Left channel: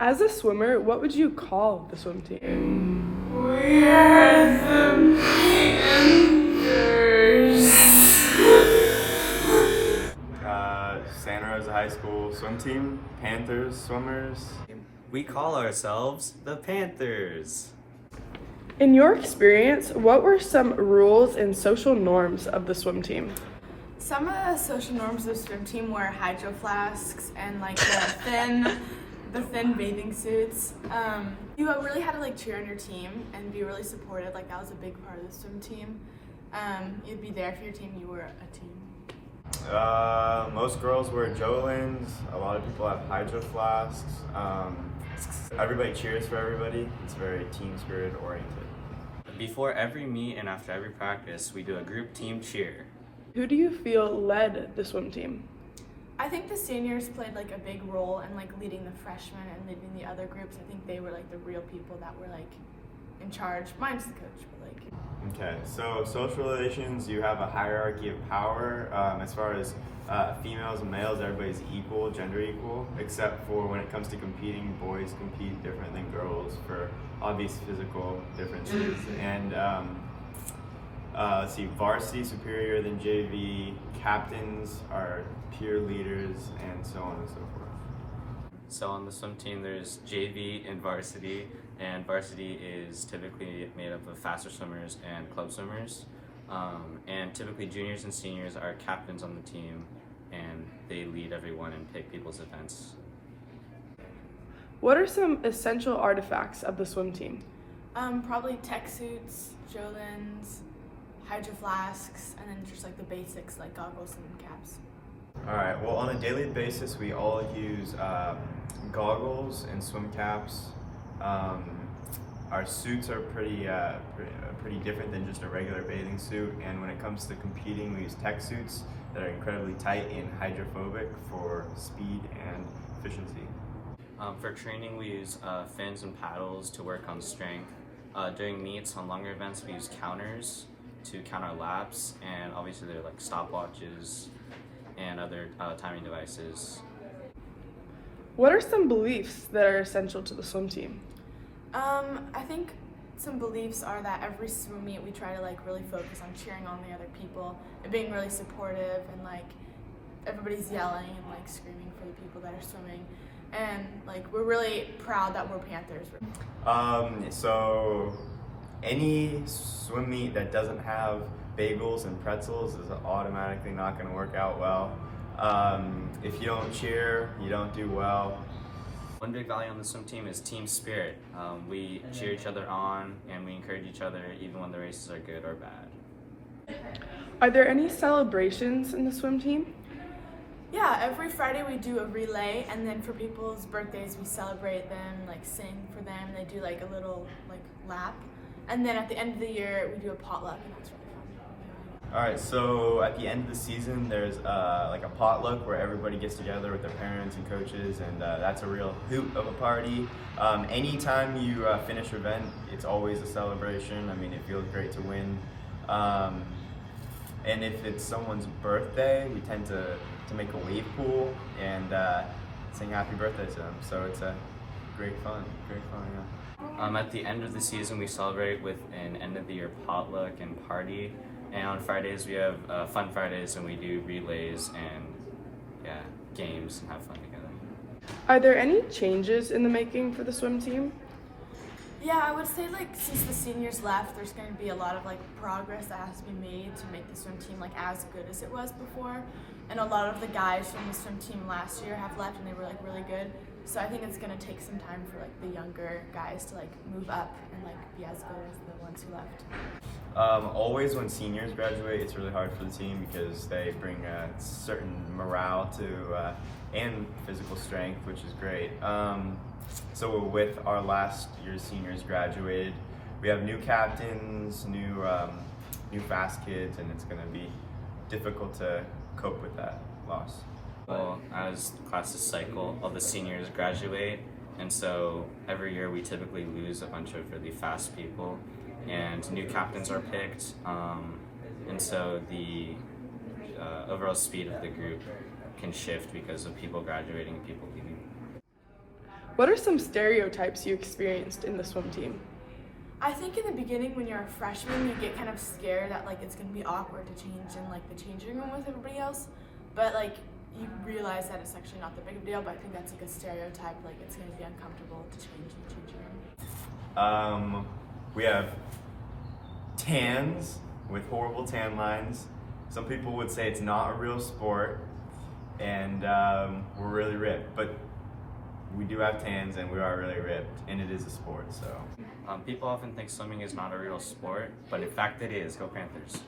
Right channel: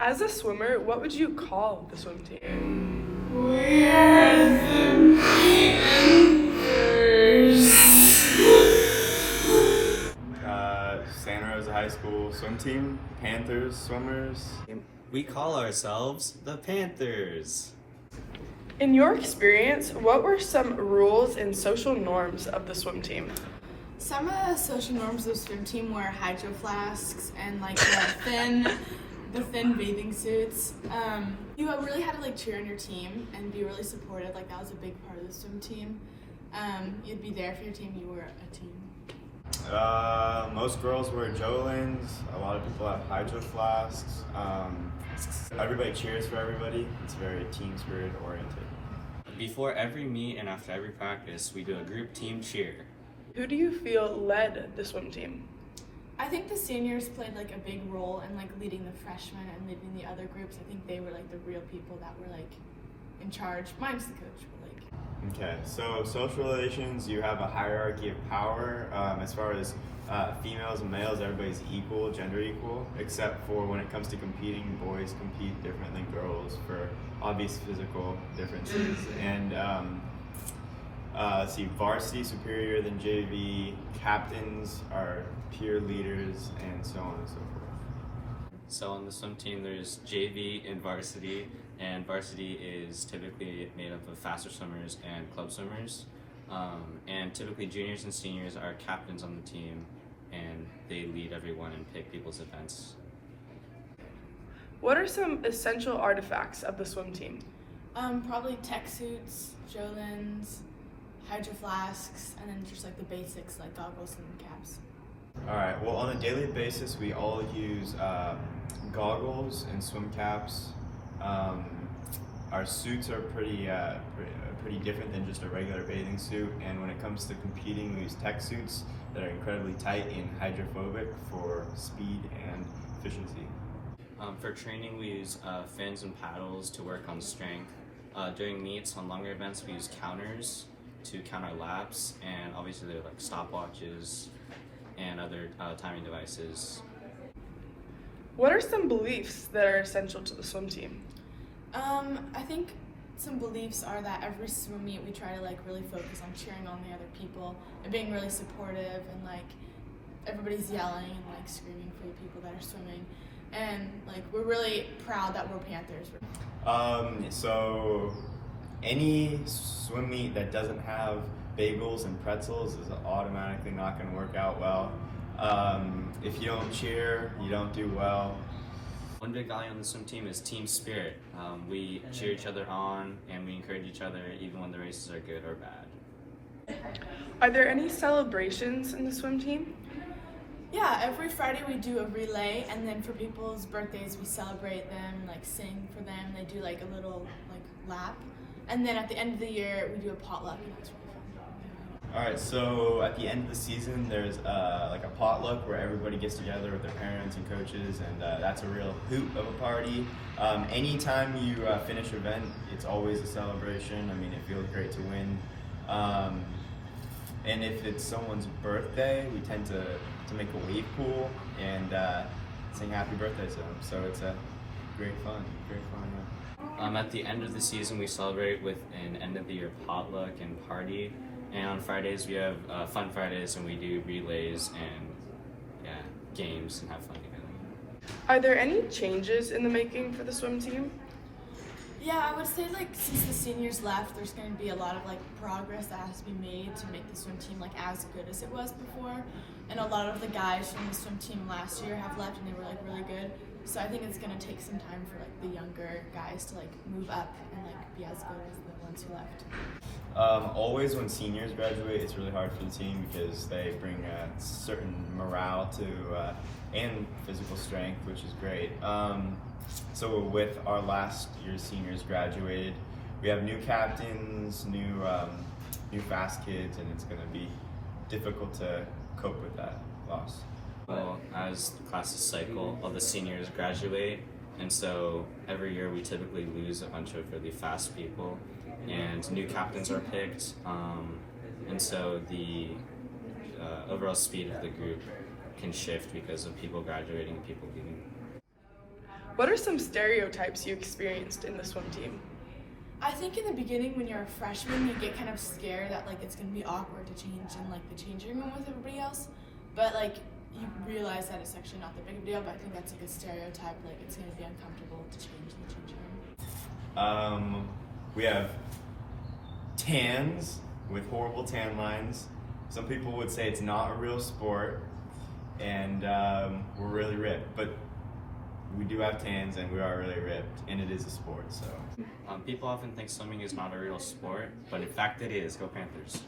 As a swimmer, what would you call the swim team? We are the Santa Rosa High School swim team, Panthers swimmers. We call ourselves the Panthers. In your experience, what were some rules and social norms of the swim team? Some of the social norms of the swim team were hydro flasks and like the thin bathing suits. You really had to like cheer on your team and be really supportive. Like that was a big part of the swim team. You'd be there for your team. You were a team. Most girls wear Jolens. A lot of people have hydro flasks. Everybody cheers for everybody. It's very team spirit oriented. Before every meet and after every practice, we do a group team cheer. Who do you feel led the swim team? I think the seniors played like a big role in like leading the freshmen and leading the other groups. I think they were like the real people that were like in charge. Mine's the coach, but like. Okay, so social relations, you have a hierarchy of power. As far as females and males, everybody's equal, gender equal, except for when it comes to competing, boys compete different than girls for obvious physical differences. And let's see, varsity superior than JV, captains are peer leaders, and so on and so forth. So on the swim team, there's JV and varsity is typically made up of faster swimmers and club swimmers. And typically juniors and seniors are captains on the team, and they lead everyone and pick people's events. What are some essential artifacts of the swim team? Probably tech suits, Jolens, hydro flasks, and then just like the basics like goggles and caps. All right, well, on a daily basis, we all use goggles and swim caps. Our suits are pretty different than just a regular bathing suit, and when it comes to competing, we use tech suits that are incredibly tight and hydrophobic for speed and efficiency. For training, we use fins and paddles to work on strength. During meets on longer events, we use counters to count our laps, and obviously they're like stopwatches and other timing devices. What are some beliefs that are essential to the swim team? I think some beliefs are that every swim meet we try to like really focus on cheering on the other people and being really supportive, and like everybody's yelling and like screaming for the people that are swimming, and like we're really proud that we're Panthers. So any swim meet that doesn't have bagels and pretzels is automatically not going to work out well. If you don't cheer, you don't do well. One big value on the swim team is team spirit. We cheer each other on and we encourage each other even when the races are good or bad. Are there any celebrations in the swim team? Yeah, every Friday we do a relay, and then for people's birthdays we celebrate them, like sing for them. They do like a little like lap, and then at the end of the year we do a potluck, and that's really fun. All right, so at the end of the season, there's like a potluck where everybody gets together with their parents and coaches, and that's a real hoot of a party. Anytime you finish an event, it's always a celebration. I mean, it feels great to win. And if it's someone's birthday, we tend to make a wave pool and sing happy birthday to them. So it's a great fun, yeah. At the end of the season, we celebrate with an end of the year potluck and party. And on Fridays, we have fun Fridays, and we do relays and games and have fun together. Are there any changes in the making for the swim team? Yeah, I would say like since the seniors left, there's going to be a lot of like progress that has to be made to make the swim team like as good as it was before. And a lot of the guys from the swim team last year have left, and they were like really good. So I think it's going to take some time for like the younger guys to like move up and like be as good as the ones who left. Always when seniors graduate, it's really hard for the team because they bring a certain morale to and physical strength, which is great. So with our last year's seniors graduated, we have new captains, new fast kids, and it's going to be difficult to cope with that loss. Well, as the classes cycle, all the seniors graduate, and so every year we typically lose a bunch of really fast people, and new captains are picked, and so the overall speed of the group can shift because of people graduating and people leaving. What are some stereotypes you experienced in the swim team? I think in the beginning when you're a freshman, you get kind of scared that like it's gonna be awkward to change in like the changing room with everybody else, but like you realize that it's actually not that big of a deal. But I think that's like a stereotype, like it's gonna be uncomfortable to change in the changing room. We have tans with horrible tan lines. Some people would say it's not a real sport, and we're really ripped, but we do have tans and we are really ripped, and it is a sport, so. People often think swimming is not a real sport, but in fact it is. Go Panthers.